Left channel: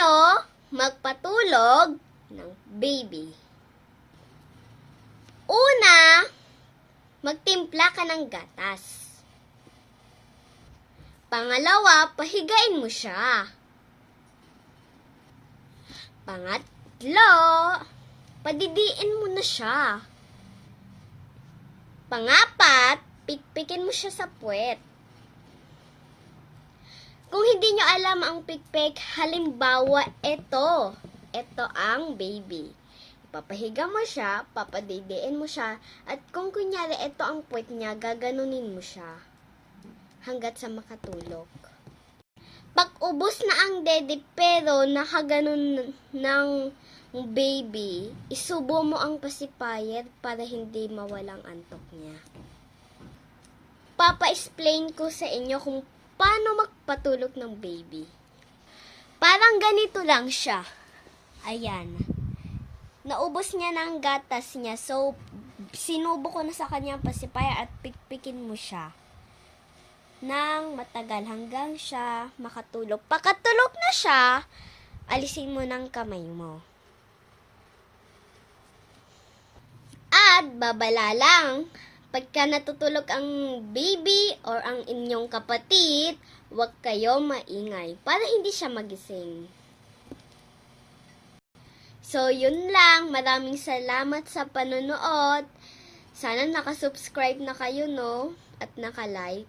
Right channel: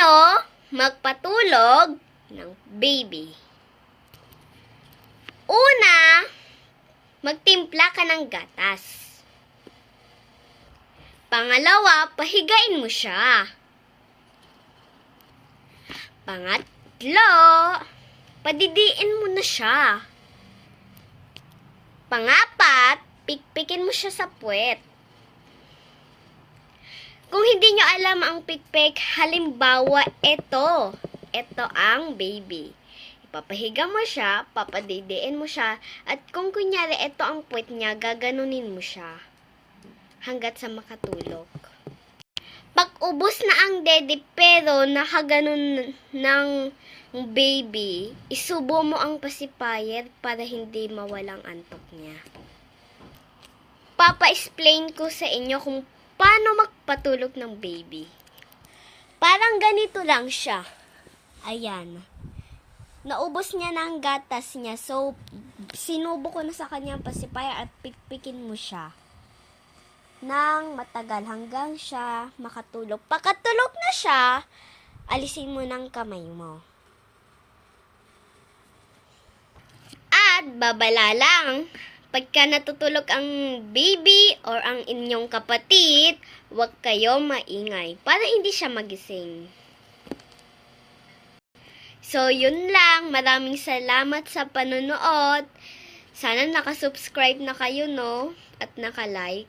Paano magpatulog ng baby? Una, magtimpla ka ng gatas. Pangalawa, pahigain mo siya. Pangatlo, padidiin mo na siya. Pangapat, pikpikin mo siya sa puwet. Kung hindi nyo alam ang pikpik, halimbawa, ito ang baby. Ipapahiga mo siya, papadidiin mo siya, at kung kunyari ito ang puwet niya, gaganunin mo siya hanggat sa makatulog. Pag ubos na ang dede pero nakaganon ng baby, isubo mo ang pacifier para hindi mawalang antok niya. Papa-explain ko sa inyo kung paano magpatulog ng baby. Parang ganito lang siya. Ayan. Naubos niya na ang gatas niya. So, sinubo ko na sa kanya ang pacifier at pikpikin mo siya nang matagal hanggang siya makatulog. Pagkatulog na siya, alisin mo ng kamay mo. At babala lang. Pagka natutulog ang baby or ang inyong kapatid, huwag kayo maingay para hindi siya magising. So, yun lang. Maraming salamat sa panonood. Sana nakasubscribe na kayo, no? At nakalike.